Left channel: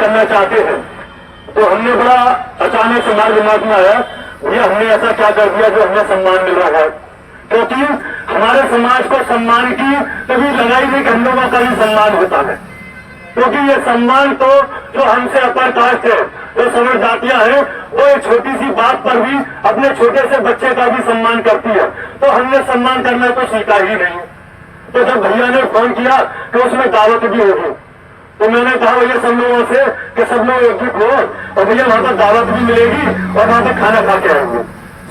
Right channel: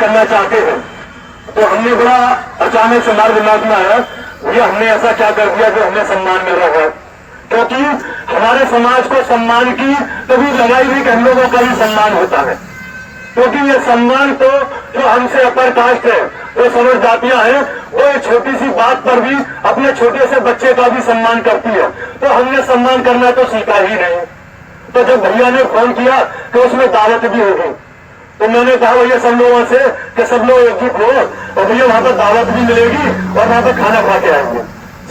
करना चाहते हैं। तो हमने बड़ा अचानक से हमारे दिमाग में आया, ये हमने ऐसा क्या कर दिया जो हमें सम्मान मिल रहा है। क्योंकि हमारे समाज को सम्मान की कभी लड़ाई नहीं कि हम लोगों का भी सम्मान होता है। क्योंकि ये सम्मान तो जो हमसे अपर कास्ट है, जो सवर्ण जातियां हैं, वो एक छोटी सी बात पर भी अपने छोटे से बच्चे का भी सम्मान करती है। तो हमने सम्मान करना तो स्वीकार ही नहीं। तो जब भैया ने फोन किया तो उसमें दावत भी होगी, तो मैंने कहा भैया सब लोगों से कि सब लोग एकजुट हो और भैया वहां पर दावत भी मिलेगी और वहां पर खाना खा के आएंगे।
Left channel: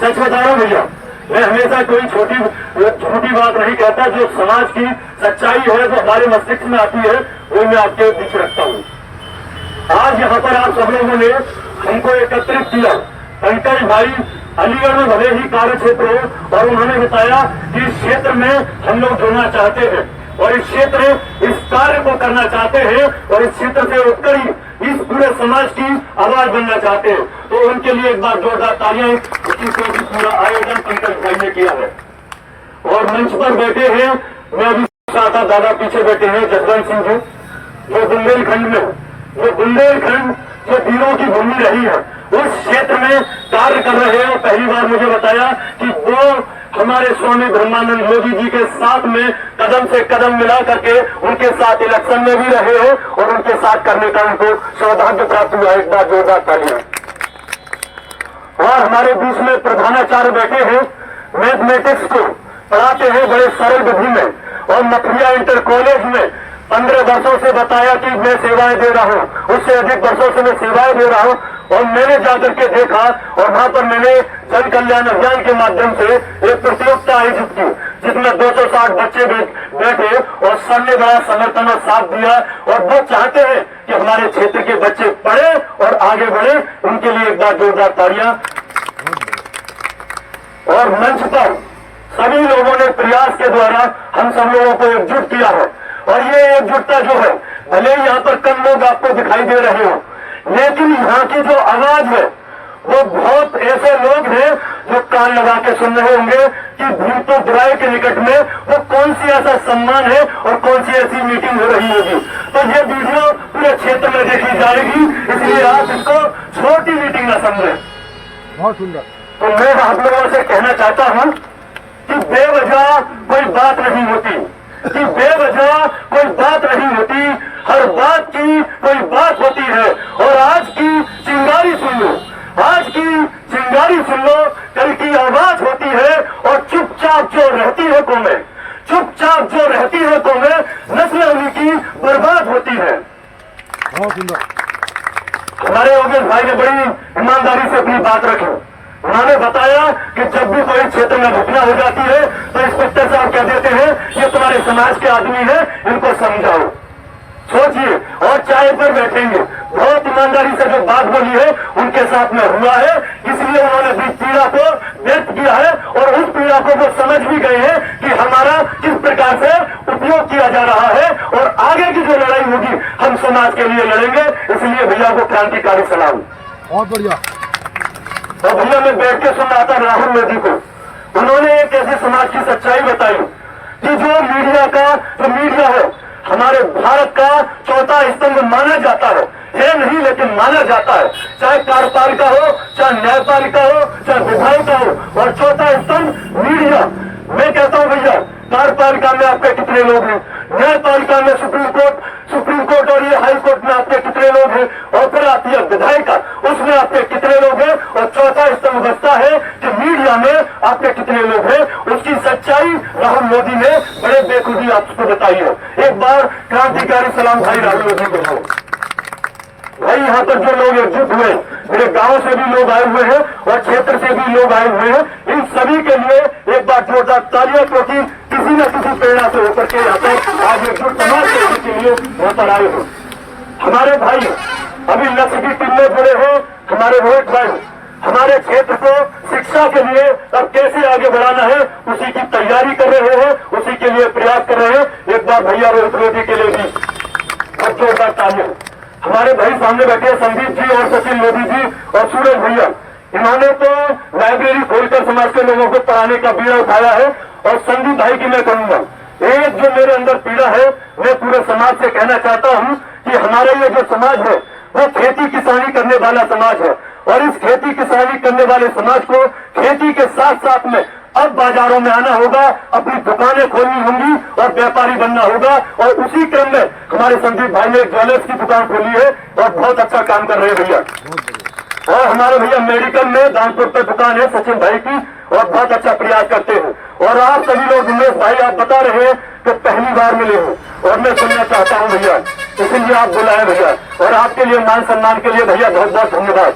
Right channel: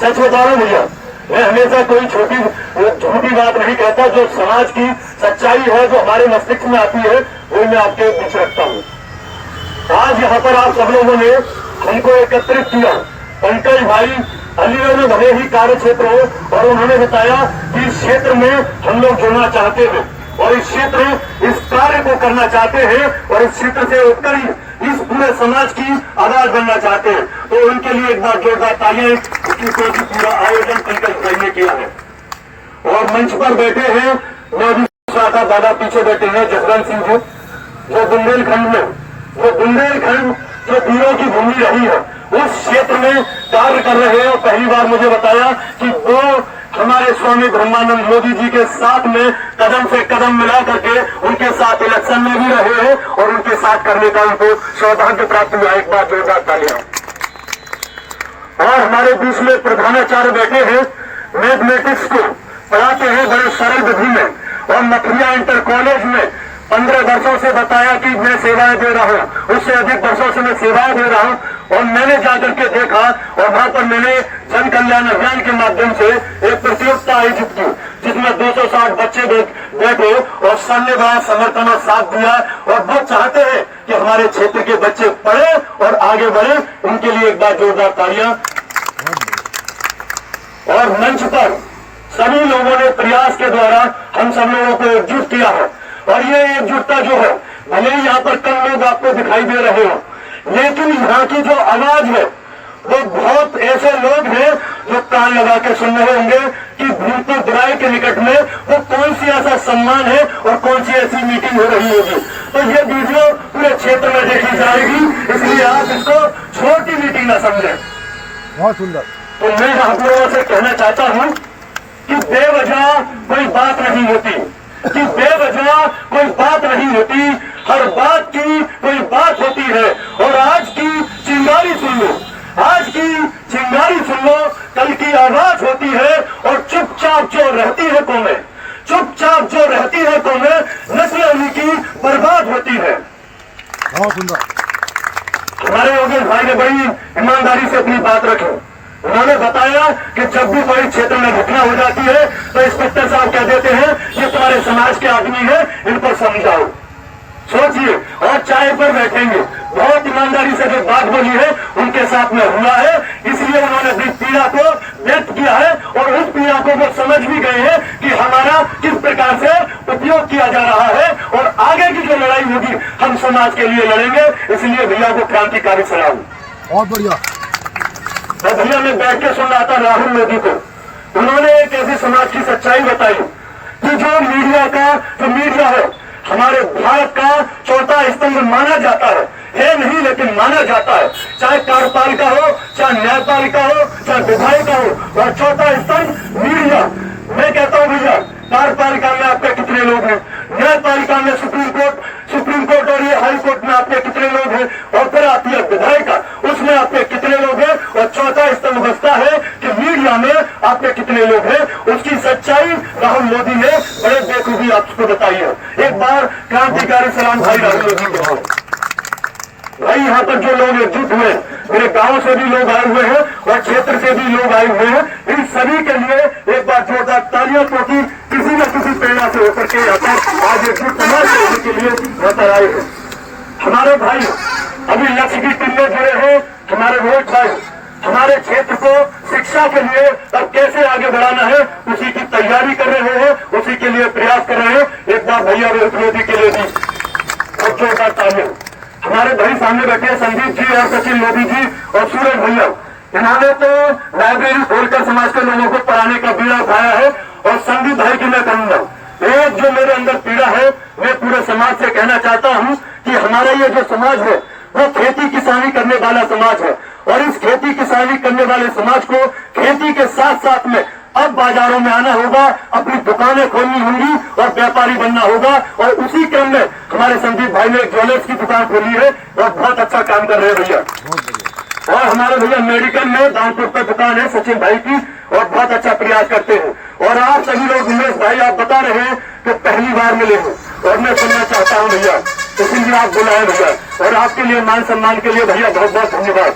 सच बता रहा हूं भैया, मैं हमेशा कोई झूठी बात नहीं कहता। जो समाज की सच्चाई है, जो हमारे मस्तिष्क में आती है, वो मैं आपके बीच रखता हूँ। आज यहाँ पर आप सब लोगों ने हमको एकत्रित किया। पंकज भाई अलीगढ़ में भले ही कार्य क्षेत्र हो और उन्होंने बताया कि इस क्षेत्र में हम लोग जुड़ना चाहते हैं और इस क्षेत्र इस कार्य को करना चाहते हैं और इस क्षेत्र से उठकर ही इस पूरे समाज की आवाज बनना चाहते हैं। तो उनके लिए एक बार जोरदार तालियां। उसकी पूरा आयोजन पंकज भाई ने किया है और मंच पर बैठे हैं, मैं भी था दादा पीछे बैठे हैं जसवंत सिंह जी, जो बुंदेलखंड जो वीरों की भूमि रही है उस क्षेत्र में कार्य कर रहे हैं। और पहली बार मुझे बताया कि वो हमारे स्वामी ब्रह्मानंद मोदी जी के साथ में कदम से कदम मिला करके उनके साथ इलेक्शन में भी रहे हैं और उनके साथ करने का उनको सौभाग्य प्राप्त हुआ। एक बार जोरदार तालियां। और हमारे बीच में प्रधानाचार्य बैठे हैं, मैथमेटिक्स को पढ़ाते हैं बड़े सरल विधि में और मथुरा इंटर कॉलेज में 15 वर्षों से बताया कि मैं सेवाएं दे रहा हूं, उससे अधिक वर्षों से मैं सेवाएं दे रहा हूं। और मैंने जाकर के देखा और वहां पर मैंने जन कल्याण अभियान के माध्यम से एक प्रतियोगिता आयोजित की जिसमें 260 बच्चे बैठे और सर ने बड़ा समर्थन और साथ दिया। और वो चाहते हैं कि हमारे क्षेत्र के बच्चे पढ़े और आगे बढ़े। उनके लिए एक बार जोरदार तालियां। और मंच पर सभी लोगों ने प्रयास के द्वारा हम सब लोगों को एकजुट किया है और ये एकजुटता जो है, भले ही यहाँ पर कम लोग आपको दिखाई दे रहे हो, लेकिन यहाँ की जो आवाज है वो बहुत ऐसे लोग हैं जो कान लगा के सुन रहे होंगे कि भूत बुराई के निकट में वो कौन सी ऐसा सम्मान है और कौन सी ऐसी मीटिंग हो रही होगी। तो ये वीडियो पूरे क्षेत्र में देखी जाएगी, इसलिए आप इसको छोटी मीटिंग न समझें। बहुत सुंदर। तो मैं आप लोगों से कहना चाहता हूँ कि बेवजह कोई बात नहीं होती, कि बेवजह कोई बात नहीं होती, हर बात की कोई बात होती है। और आज की चिंगारी सुन लो, आज की चिंगारी सुन लो, कल की आवाज होती है। और चुपचाप जो रहती है कौमें, चुपचाप जो रहती है कौमें, नस्लें उनकी बर्बाद होती है। बहुत सुंदर। हमारे योगेश भाई ने बड़ी ईमानदारी से अपनी बात रखी। उन्होंने बताया कि जब भी कोई क्षेत्र में घटना हो जाती है तो इंस्पेक्टर साहब कह देते हैं ये तुम्हारे समाज के आदमी है, इनको समझाओ। सोचिए, और चाय पर बैठेंगे। बहुत ईमानदारी से जो बात बोली है उनके साथ में हुआ है, इसलिए उन्होंने अपनी पीड़ा को व्यक्त किया है और उस पीड़ा को वो समझ भी गए हैं कि हमारा किस प्रकार से उपयोग किया जा रहा है और आगे की जो लड़ाई होगी हम समाज के लिए लड़ेंगे। इसलिए भैया को क्रांतिकारी सलाम। बहुत बढ़िया। और भैया मैं बैठ के सुन रहा था राहुल मोदी को, उन्होंने एक ऐसे समाज की सच्चाई बताई कि जो मीडिया है हमारे भारत का चौथा स्तंभ माना जाता है नहीं लेकिन माना जाता है। चाहे कार्यपालिका हो, चाहे न्यायपालिका हो, चाहे विधायिका हो, और चौथा स्तंभ मीडिया। मैं कहता हूं भैया, कार्यपालिका में आपके कितने लोग हैं, न्यायपालिका में सुप्रीम कोर्ट और ये हाई कोर्ट में आपके कितने लोग हैं, और फिर आती है विधायिका, उसमें आपके कितने लोग हैं, और चौथा स्तंभ बचता है कि मीडिया में आपके कितने लोग हैं। उसकी सच्चाई राहुल मोदी ने बड़े बेखूबी आपको बताई है। एक बार क्रांतिकारी सलाम भाई राहुल मोदी को। भाई यहाँ पर जो लोग एकजुट हुए, मेरे गांव से भी लोग आए हुए हैं और क्षेत्र से भी लोग आए हुए हैं, इन सभी के लिए एक बार जोरदार तालियां, क्योंकि किसी न किसी प्रेरणा से होकर के यहाँ पर आज एकजुट समाज के लिए यहाँ पर आए हैं। हमारे भाई अभी लक्ष्य की टीम में जुड़े हैं, हमारे रोहित भाई हमारे क्षेत्र को शिक्षा के लिए अब कैसे आगे बढ़ाना है उसी की तैयारी कर रहे हैं, उसी के लिए प्रयास कर रहे हैं। एक बार भैया रोहित मोदी के लिए भी जोरदार तालियां। हमारे भाई सामने बैठे संदीप जी और सचिन मोदी जी और सूरज भैया, इन्होंने तो लाइब्रेरी खोलकर समाज के लोगों को पढ़ाने का बीड़ा उठाया है। और संदीप भाई की मैं कहूंगा, एक जो मेरे अंदर पीड़ा है, मैं पूरे समाज से कहना चाहता हूं कि हमारा ये जो समाज है वो खेती किसानी करने वाला समाज है। और इस खेती किसानी करने वाले समाज को खेती के साथ साथ में अब बाजारों में आना होगा, अपनी दुकानें खोलनी होंगी और व्यापारी बनना होगा। और उसी क्रम में हमारे संदीप भाई ने एक ज्वेलर्स की दुकान खोली है और बहुत अच्छा काम कर रहे हैं भैया। और हमारे भैया मेडिकल में दानपुर पर दुकान है सचिन भाई की और बहुत अच्छा प्रयास करते हैं। और आप सभी लोग, उमेश भाई आप बता रहे हैं कि पहली बार मिले हो और मैं सुनना चाहता हूं भैया, इसीलिए आप बुलाए भैया। और आपके लिए मान सम्मान के लिए भैया बहुत बहुत धन्यवाद।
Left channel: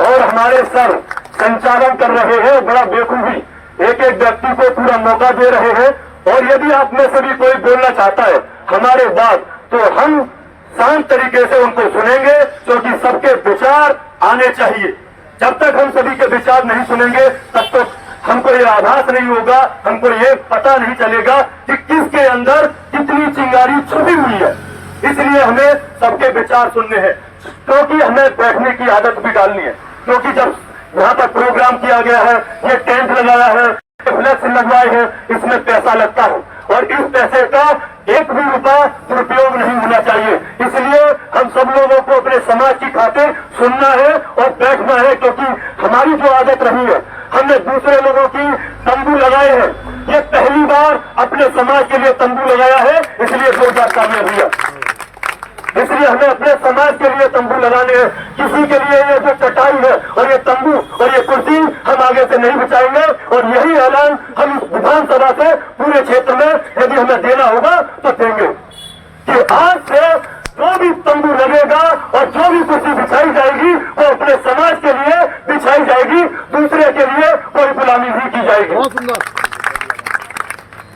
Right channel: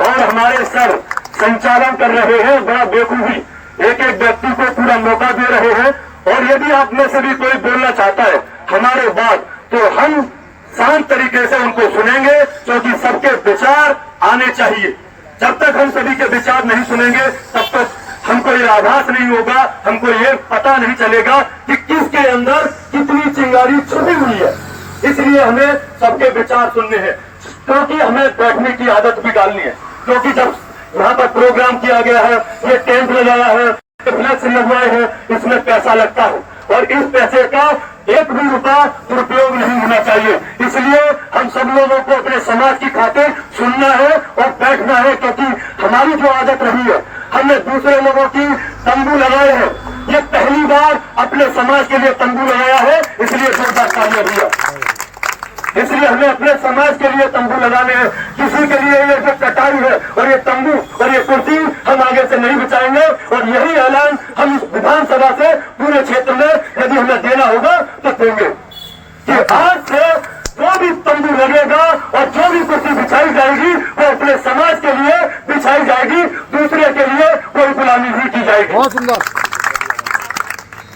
और हमारे सर संचालन कर रहे हैं बड़ा बेखूबी, एक एक व्यक्ति को पूरा मौका दे रहे हैं। और यदि आप में से भी कोई बोलना चाहता है हमारे बाद, तो हम शांत तरीके से उनको सुनेंगे, क्योंकि सबके विचार आने चाहिए। जब तक हम सभी के विचार नहीं सुनेंगे तब तक हमको ये आभास नहीं होगा, हमको ये पता नहीं चलेगा कि किसके अंदर कितनी चिंगारी छुपी हुई है। इसलिए हमें सबके विचार सुनने हैं, क्योंकि हमें बैठने की आदत भी डालनी है। क्योंकि जब यहाँ पर प्रोग्राम किया गया है, ये टेंट लगाया है, फ्लैक्स लगवाए हैं, इसमें पैसा लगता है और इस पैसे का एक भी रुपया दुरुपयोग नहीं होना चाहिए। इसलिए हम सब लोगों को अपने समाज की खातिर सुनना है और बैठना है, क्योंकि हमारी जो आदत रही है, हमने दूसरे लोगों की तंबू लगाए हैं, ये पहली बार अपने समाज के लिए तंबू लगाया है, इसलिए जोरदार तालियां दिया। इसलिए हमें अपने समाज के लिए तंबू लगाने हैं। किसी के लिए ये जो चटाई है और ये तंबू और ये कुर्सी हम आगे से नहीं बचाएंगे। और यही ऐलान हम इस विधानसभा से पूरे क्षेत्र में यदि हमें देना होगा तो देंगे कि आज से जो भी तंबू लगेगा और जो भी कुर्सी बिछाई जाएगी वो अपने समाज के लिए बिछाई जाएगी, दूसरे के लिए कोई गुलामी नहीं की जाएगी। बहुत सुंदर।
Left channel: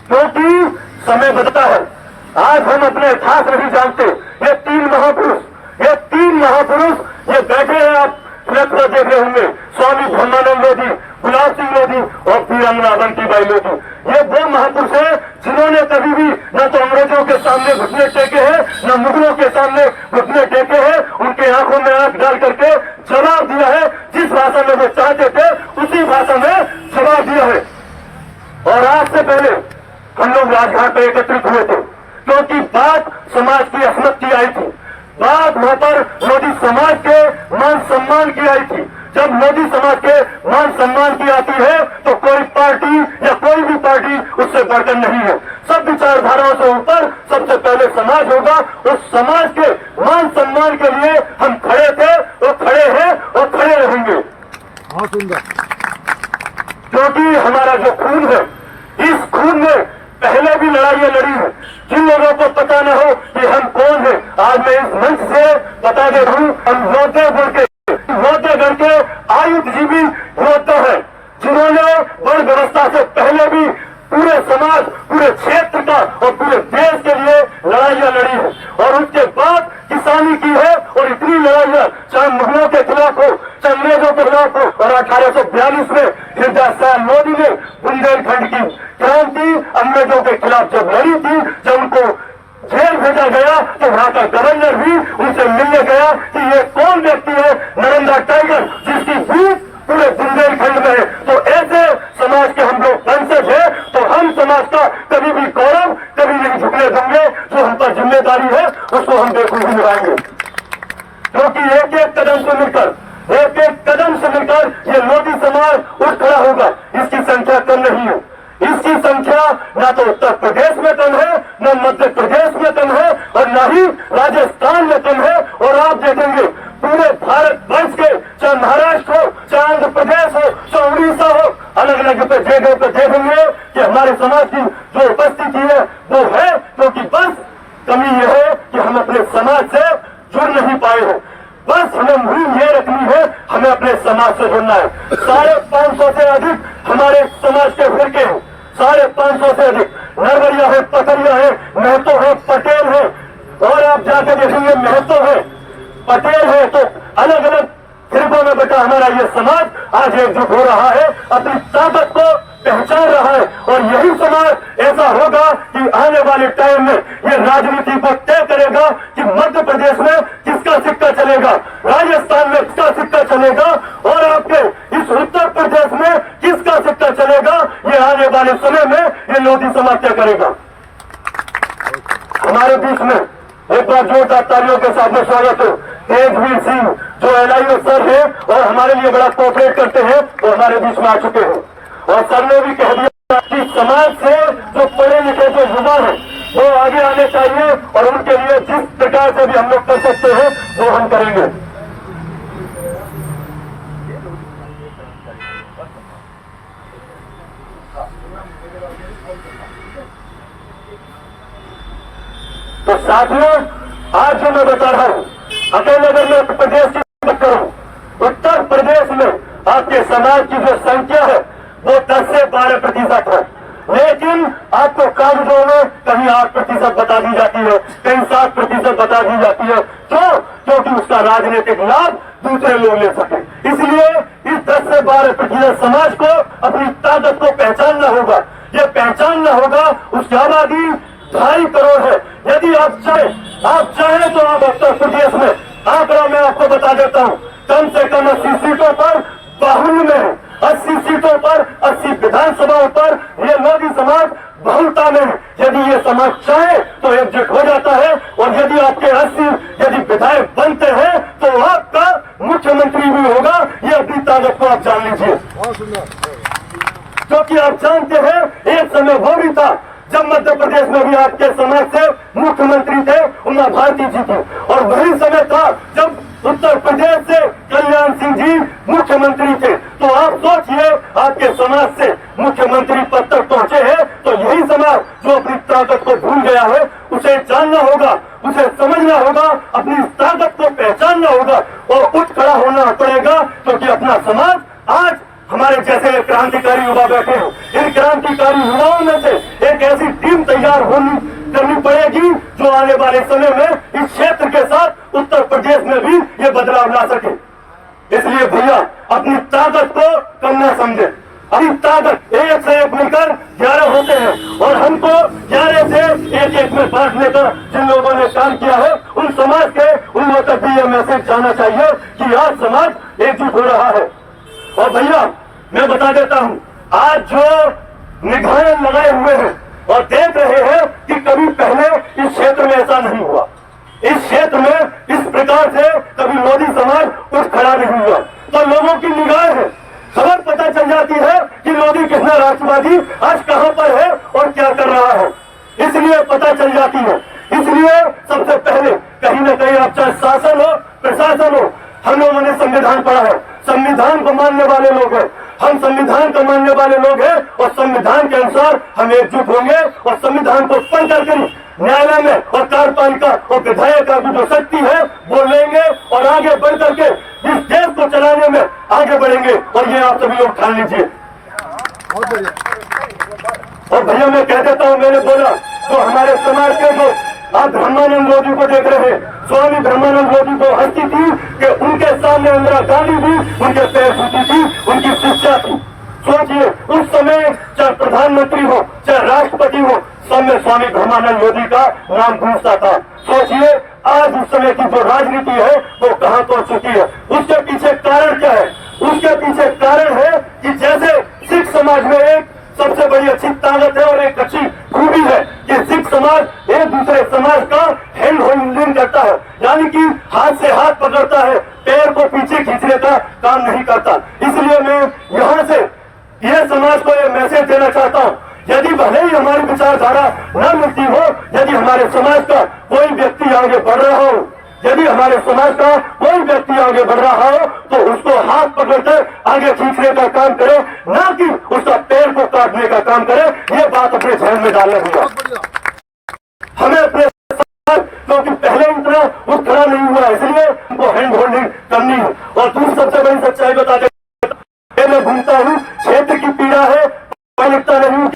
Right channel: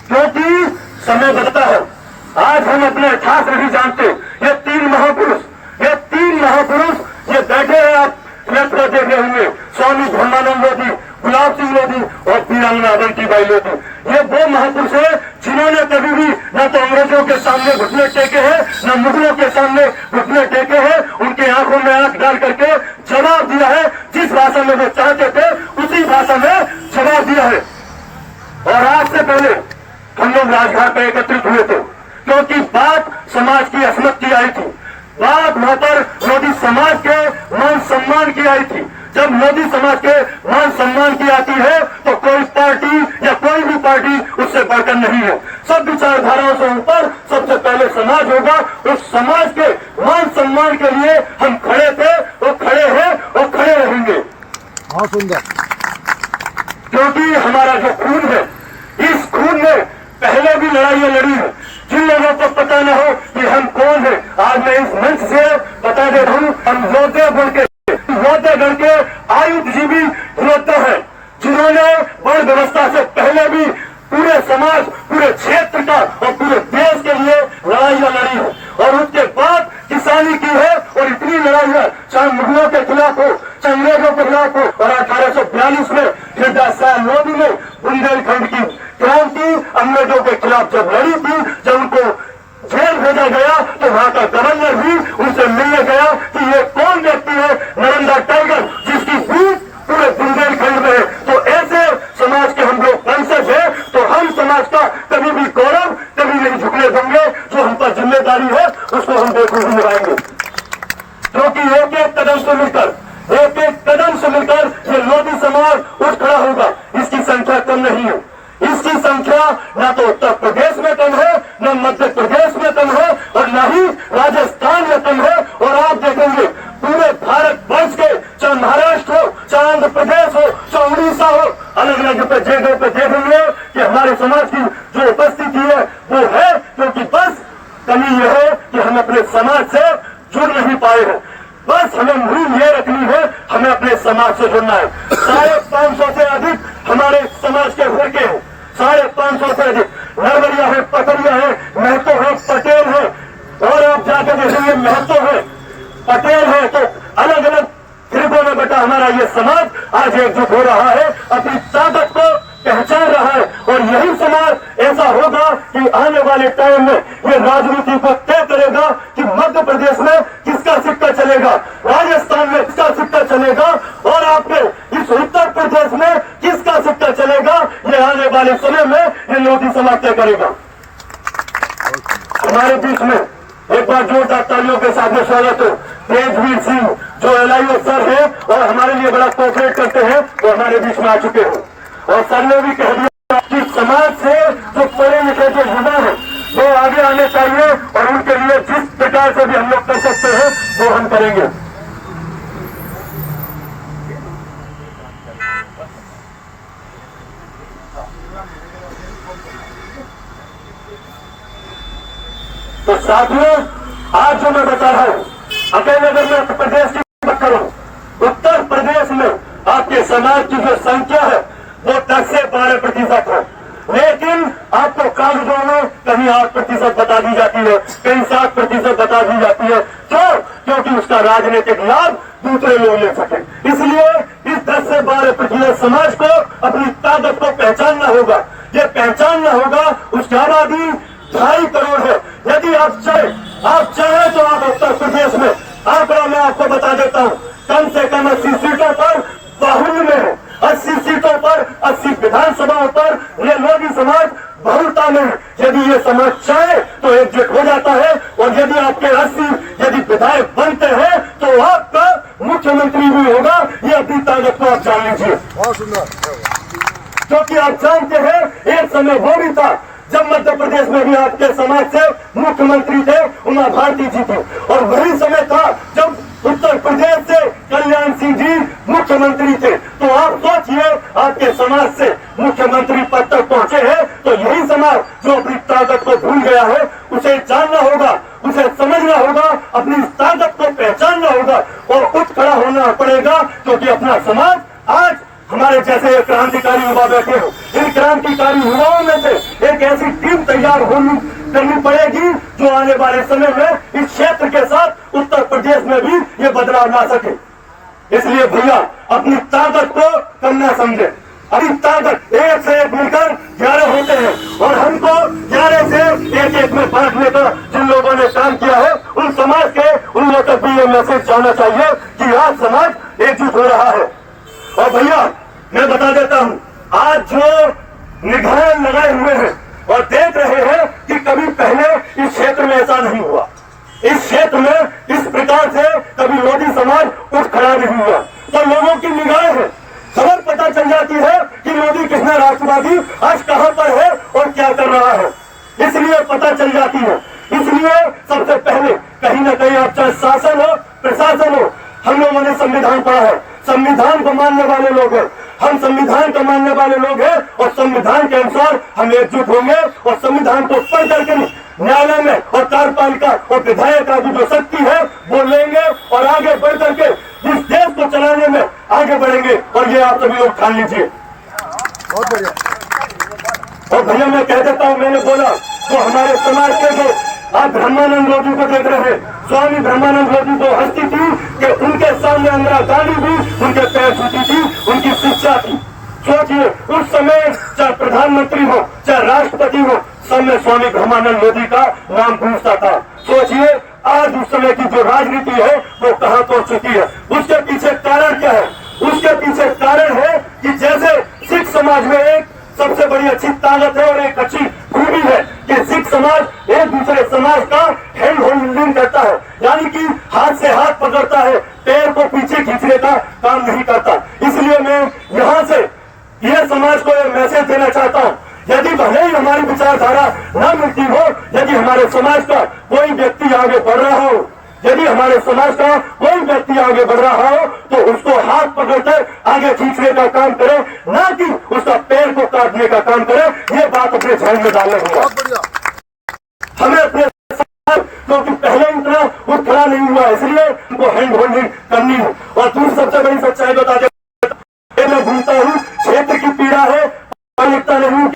क्योंकि समय बदलता है, आज हम अपने इतिहास नहीं जानते। ये तीन महापुरुष ये बैठे हैं, आप फ्लैक्स पर देख रहे होंगे, स्वामी ब्रह्मानंद लोधी, गुलाब सिंह लोधी और वीरांगना अवंतीबाई लोधी। ये वो महापुरुष है जिन्होंने कभी भी न तो अंग्रेजों के सामने घुटने टेके हैं, न मुगलों के सामने घुटने टेके हैं। उनके आंखों में आंख डाल करके जवाब दिया है, जिस भाषा में वो चाहते थे उसी भाषा में जवाब दिया है। और आज से पहले हम लोग राजघाट पर एकत्रित हुए थे, क्योंकि बात समाज की असमत की आई थी, बात वहां पर मोदी समाज के मान सम्मान की आई थी। जब मोदी समाज के मान सम्मान की आती है तो कोई पार्टी या कोई भी पार्टी उससे बढ़कर नहीं है। सब विचारधाराओं से ऊपर सबसे पहले समाज होगा। उस समाज के मान सम्मान के लिए हम खड़े थे और खड़े हैं और खड़े रहेंगे। बहुत सुंदर। क्योंकि हमारा जो खून है, इस खून में पहले भी लड़ाइयां लड़ी है। जिन लोगों को पता न हो कि हम कौन हैं, आज मैं इस मंच से बता दे रहा हूं, हम योद्धे गण के आयुधजीवी योद्धा हैं, जिन्होंने वर्ण व्यवस्था से पहले भी पूरे समाज, पूरे क्षेत्र का और पूरे देश के लिए लड़ाइयां लड़ी है। और उसके बाद किसानी की है। और इतनी लड़ाइयां चाहे मुगलों के खिलाफ हो, चाहे अंग्रेजों के खिलाफ हो। और 1842 में हृदय साल मोदी ने बुंदेलखंड की क्रांति अंग्रेजों के खिलाफ जब लड़ी थी, जब उनको जेल भेजा गया तो वहां का गवर्नर भी उनसे मिलने गया कि ये कौन व्यक्ति है, नर्मदा टाइगर, जिसकी भूख पूरे बुंदेलखंड में है। तो ऐसे समाज के हम लोग वंशज है, तो हम समाज का कभी भी गौरव कभी नहीं झुकने देंगे। जो हम पर जिम्मेदारी है उसको हम बेखूबी निभाएंगे, क्योंकि एक एक कदम से मिलकर ये मोदी समाज उठ खड़ा होगा। इसकी संख्या कम नहीं है, इसकी संख्या न तो उत्तर प्रदेश में कम है, न मध्य प्रदेश में कम है और न ही राजस्थान में कम है। और आप देखेंगे पूरे भारत वर्ष के, चाहे महाराष्ट्र हो, चाहे आंध्र प्रदेश हो, चाहे उड़ीसा हो, अलग अलग जगह पे देखेंगे कि हमारे समाज की जो उपस्थिति है वो है। क्योंकि बस कमी यह है कि हम अपने समाज से जुड़ नहीं पाए हैं। बस हमें मुहिम ये रखनी है, हमें अपने समाज से जुड़ना है। 550 से अधिक हमारे समाज के फिरके हैं, 550 से अधिक नरवरिया है, पथरिया है, महतो है, पटेल है। और आप जाके देखेंगे महतो है, पटेल है, तो अलग अलग फिरकों में बेटा हमारा ये समाज आज एकजुट हो रहा है, अपनी ताकत को पहचान रहा है। और यही समाज ऐसा होगा कि आने वाले टाइम में ये राजनीति को तय करेगा कि मध्य प्रदेश में किसका सिक्का चलेगा, राजस्थान में किसका सिक्का चलेगा और आपके इस उत्तर प्रदेश में किसका सिक्का चलेगा। ये आने वाले समय में ये मोदी समाज तय करेगा। हमारे बीच में एक बार जोरदार तालियों के साथ में स्वागत हो तेजवीर सिंह जो LIO सर है और हमारे लिए बड़ा कोऑपरेट करते हैं, वो हमारे बीच में आ चुके हैं। और सर ने भी कह दिया कि समाज से जो पढ़े लिखे जो युवा है वो आगे आने चाहिए और उनके लिए जिस प्रकार से भी हम लोग कर सकते हैं वो हम करेंगे। तो साथियों, आज जो मैं बता रहा हूं, अकेले अगर मैं उत्तर प्रदेश की बात करूं, उत्तर प्रदेश में आपके समाज की जो संख्या है वो 10 से 12% है, लेकिन आपको कागजों में कहीं 8% बता दी जाती है, कहीं 7% बता दी जाती है। क्यों? क्योंकि उसका राजनीतिक लाभ दूसरे लोग ले सके। इसलिए इस 10 से 12% समाज को अपनी ताकत को पहचानना होगा। ये पहचानना होगा। उसकी आबादी 2.5 करोड़ है। यदि आप चाहे तो आप उत्तर प्रदेश में आंकड़ा मैं आपको बता देता हूं, कम से कम 80 सीटों पर बाहुल्य में है, 80 सीटों पर 80 विधानसभाओं पर ये लोधी समाज बहुलता में है। यदि ये समाज चाहे तो एकजुट हो जाता है और यदि आपके 80 यदि विधायक बनते हैं तो आपका मुख्यमंत्री भी होगा। ये अपनी ताकत को आप जान लीजिए। बहुत सुंदर। क्योंकि आप जानते हैं एक समय वो भी था जब मध्य प्रदेश में भी आपके समाज से मुख्यमंत्री थे उमा भारती जी थी, और वही समय था जब उत्तर प्रदेश से कल्याण सिंह जी मुख्यमंत्री थे। तो आप सोचिए, आपके समाज से मुख्यमंत्री पद तक पहुंचे हैं, तो यही समाज जो अपनी ताकत को भूल गया है उसे जानना होगा, उसे समझना होगा, अपनी ताकत को पहचानना होगा और उठ खड़ा होना पड़ेगा। क्योंकि अपना समाज आज हमारे जैसे क्रांतिकारी युवा बैठे हो, इन क्रांतिकारी युवाओं में से एक ऐसी टीम तैयार करनी पड़ेगी जो आने वाले समय में इस क्षेत्र के साथ उत्तर प्रदेश में भी ये बदलाव ला सके। इसलिए भैया अपनी ताकत को कम न समझे। अभी ताकत एक से एक मिलकर 11 होते हैं और हमको 11 से एक में बांटने का जिन लोगों ने काम किया है उन समाज के उन लोगों तक भी ये मैसेज जाना चाहिए कि आज समाज एकजुट हो रहा है। और भैया मैं बता देता हूं, आज जो निगाहें लगाए हुए हैं और देख रहे हैं कि कभी पहले इस क्षेत्र में ऐसा नहीं हुआ, इस क्षेत्र में इस प्रकार से कभी लोधी समाज उठ खड़ा नहीं हुआ। तो लोगों की निगाहें हैं, खबर पता चल जाती है कि लोधी कृष्णा राष्ट्रवादी आज कहां पर है और क्या कर रहा है, इसलिए पता चल जाती है। इसलिए सबसे पहले कहीं ना कहीं आप चाहे शासन हो प्रशासन हो, हम लोगों ने संविधान पढ़ा है, संविधान को मानने वाले लोग हैं, हम संविधान को मानने वाले लोग हैं और संविधान के अनुसार हम एकजुट होंगे और संविधान को पढ़ करके न्यायालय में और कार्यपालिका और विधायक की जो शक्ति है वो लेंगे और आगे बढ़ करके इस देश को चलाने में आगे बढ़ेंगे। और ये आप सभी लोग ठान लीजिए। बहुत बढ़िया। और भैया मैं कह देता हूँ, मैंने बोला जो हमारे समाज के जो आप ब्रह्मानंद लोधी को देख रहे हैं, स्वामी ब्रह्मानंद लोधी को हस्ती थी कि उनके सामने इंदिरा गांधी भी उनके पैर छूती थी, उनकी शिक्षा थी। सोचिए उस समय चाहे प्रधानमंत्री हो चाहे राष्ट्रपति हो, सब में स्वामी ब्रह्मानंद लोधी का नाम गूंजता था। सोचिए आज उस समय की जो राजनीति है वो कहां पहुंच चुकी है। उसके पीछे कारण क्या है? उसके पीछे कारण है कि जैसे सिख समाज में एक सबसे बड़ी अच्छी ताकत है और एक अच्छी खूबी है कि सिख समाज एक दूसरे समाज का हैंड होल्डिंग करता है, यानी कि हाथ से हाथ पकड़ता है, पैर को पीछे खींचने का काम नहीं करता। इसलिए मैं यहाँ से यह समाज को यह मैसेज देना चाहता हूँ, यदि भले ही हमारी विचारधारा न मिलती हो, यदि हमारे समाज का कोई व्यक्ति आगे बढ़ रहा हो, यदि हमारे समाज का कोई व्यक्ति आगे बढ़ रहा हो तो उसको हाथ पकड़कर आगे खींचने का काम करे, न कि उसका पैर को काटने का काम करे। ये बात अपने ध्यान में डालना होगा। हमें अपने क्योंकि पहले इतना उत्थान नहीं हुआ, इसलिए हमको हैंड होल्डिंग करनी है। और दूसरी सबसे बड़ी सच्चाई बता दें, मैं घूमता हूँ, क्षेत्र की पीड़ा है, लिखता नहीं,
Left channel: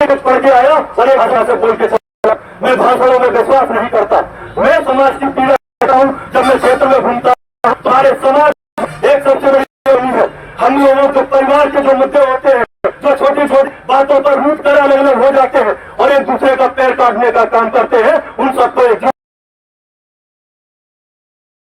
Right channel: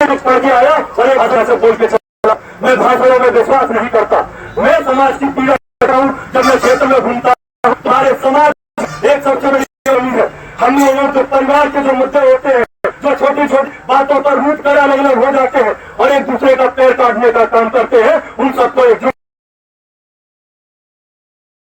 पढ़ के आया और एक भाषा से बोल के चला। मैं भाषाओं में विश्वास नहीं करता, मैं समाज की पीड़ा करता हूँ। जब मैं क्षेत्र में घूमता हूँ, हमारे समाज एक सबसे बड़ी कमी है, हम लोगों के परिवार के जो मुद्दे होते हैं, जो छोटी छोटी बातों पर रूट कर अलग अलग हो जाते हैं और एक दूसरे का पैर काटने का काम कर